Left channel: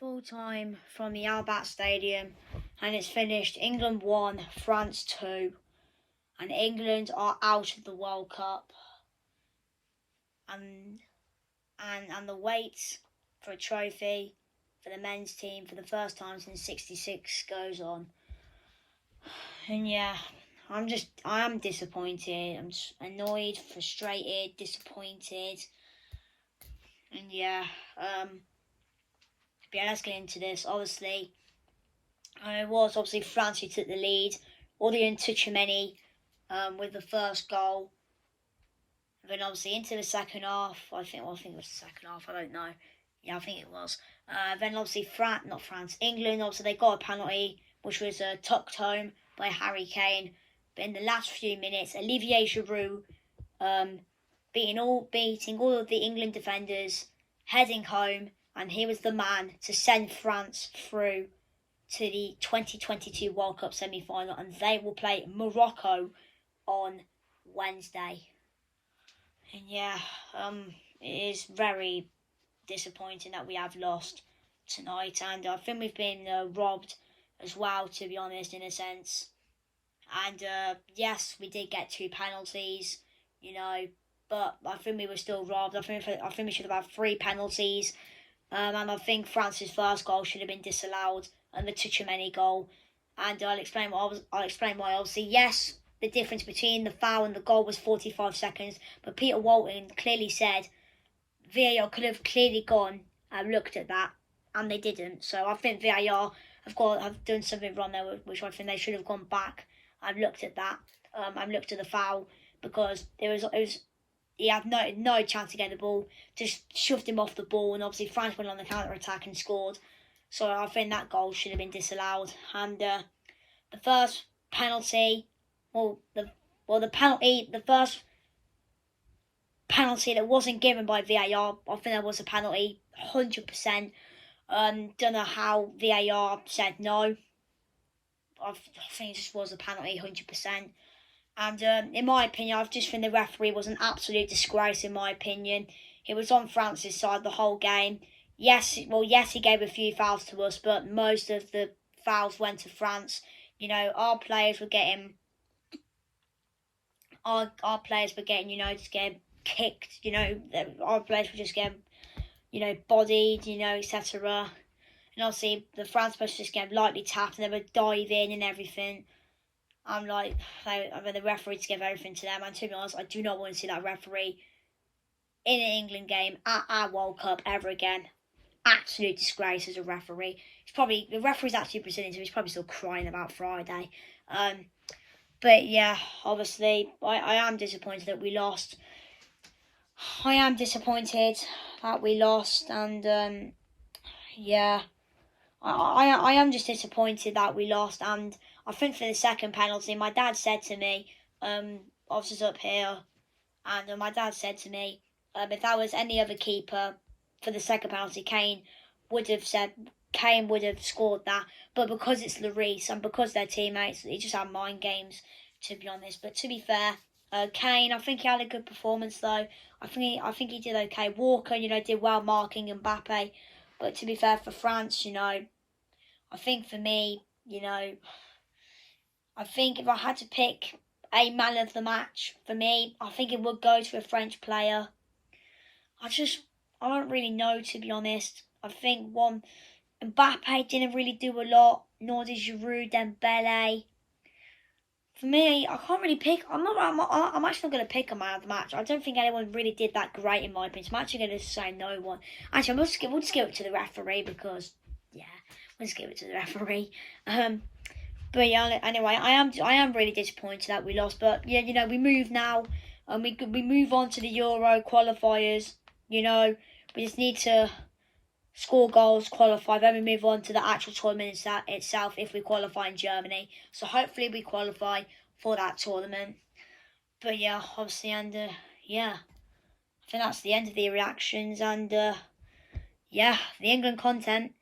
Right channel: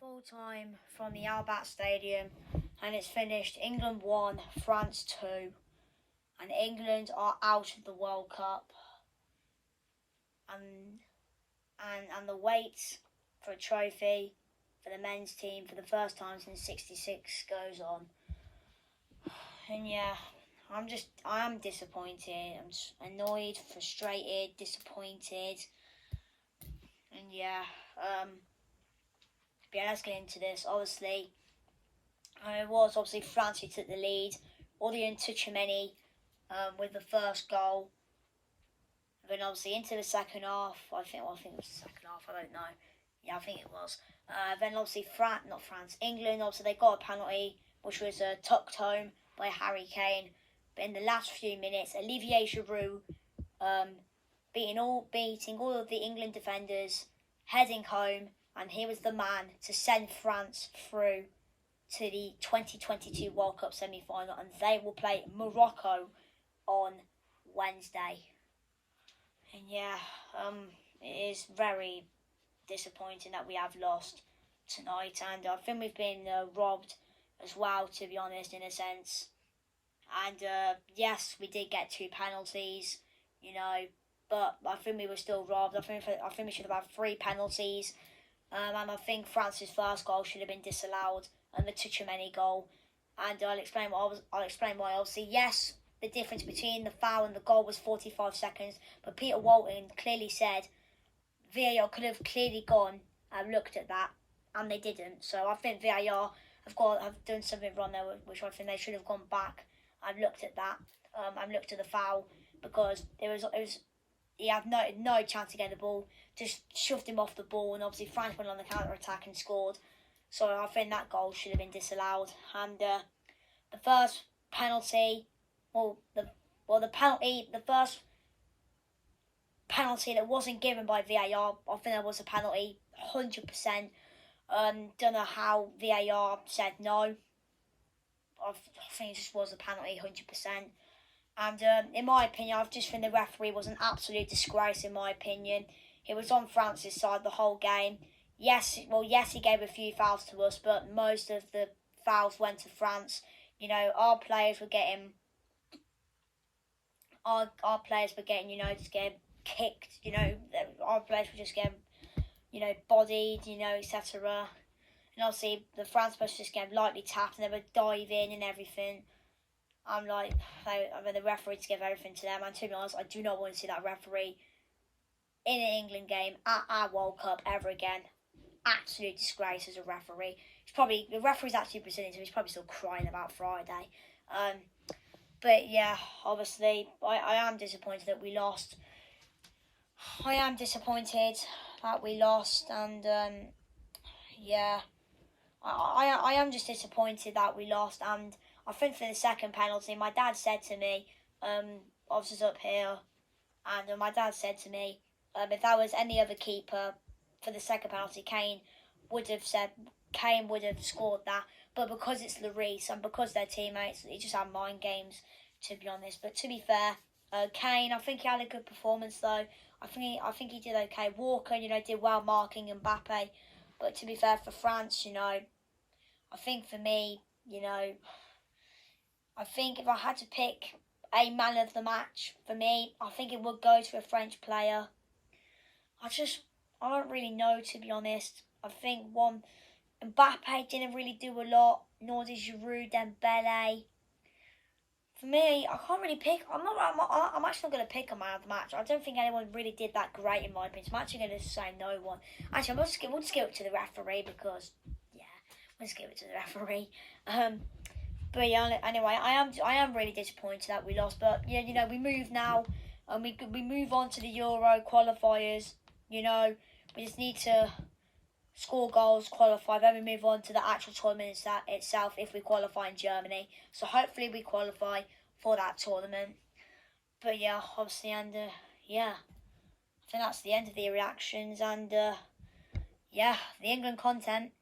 Full time from the Albat Stadium, and it's finished England 1, France 2, and England are out of the World Cup. And the wait for a trophy for the men's team for the first time since '66 goes on. And yeah, I am disappointed. I'm just annoyed, frustrated, disappointed. And yeah, let's get into this. Obviously, it was obviously France who took the lead. Aurélien Tchouaméni with the first goal. Then obviously into the second half. I think it was the second half. I don't know. Yeah, I think it was. Then obviously England. Obviously they got a penalty, which was tucked home by Harry Kane. But in the last few minutes, Olivier Giroud beating all of the England defenders, heading home, and he was the man to send France through to the 2022 World Cup semi-final, and they will play Morocco on Wednesday. And yeah, it is very disappointing that we have lost tonight, and I think we've been robbed as well, to be honest, in a sense. And yes, we did get 2 penalties, but I think we were still robbed. I think we should have had 3 penalties, and I think France's first goal should have been disallowed, and the Tchouaméni goal. And I'll explain why. Obviously, yes, the difference between the foul and the goal was 45 seconds, but Peter Walton clearly said VAR could have clearly gone and looked at that, and they didn't. So I think VAR have done something wrong there, which I think they should have gone back and looked at that, and looked at the foul, because he had no chance to get the ball, just shoved him off the ball, and obviously France went on the counter attack and scored. So I think that goal should have been disallowed. And the first penalty, the first penalty that wasn't given by VAR, I think there was a penalty, 100%. Don't know how VAR said no. I think it just was a penalty, 100%. And in my opinion, I just think the referee was an absolute disgrace. In my opinion, he was on France's side the whole game. Yes, he gave a few fouls to us, but most of the fouls went to France. Our players were getting, just getting kicked. Our players were just getting, bodied, etc. And obviously the France players just getting lightly tapped, and they were diving and everything. I'm like, I mean, the referee to give everything to them. And to be honest, I do not want to see that referee in an England game at our World Cup ever again. Absolute disgrace as a referee. The referee's actually Brazilian, so he's probably still crying about Friday. But yeah, obviously, I am disappointed that we lost. And yeah, I am just disappointed that we lost. And I think for the second penalty, my dad said to me, officers up here, and my dad said to me, if that was any other keeper for the second penalty, Kane would have scored that. But because it's Lloris and because they're teammates, he just had mind games, to be honest. But to be fair, Kane, I think he had a good performance though. I think he did okay. Walker, did well marking Mbappe. But to be fair, for France, I think for me, I think if I had to pick a man of the match for me, I think it would go to a French player. I don't really know, to be honest. I think Mbappe didn't really do a lot, nor did Giroud, Dembele. For me, I can't really pick. I'm actually not going to pick a man of the match. I don't think anyone really did that great, in my opinion. So I'm actually going to say no one. Actually, we'll just give it to the referee, because we'll just give it to the referee. But yeah, anyway, I am really disappointed that we lost. But yeah, we move now, and we move on to the Euro qualifiers. We just need to score goals, qualify, then we move on to the actual tournament itself if we qualify in Germany. So hopefully we qualify for that tournament. But yeah, obviously, and I think that's the end of the reactions, and the England content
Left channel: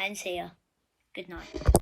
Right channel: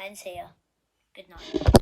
ends here. Good night.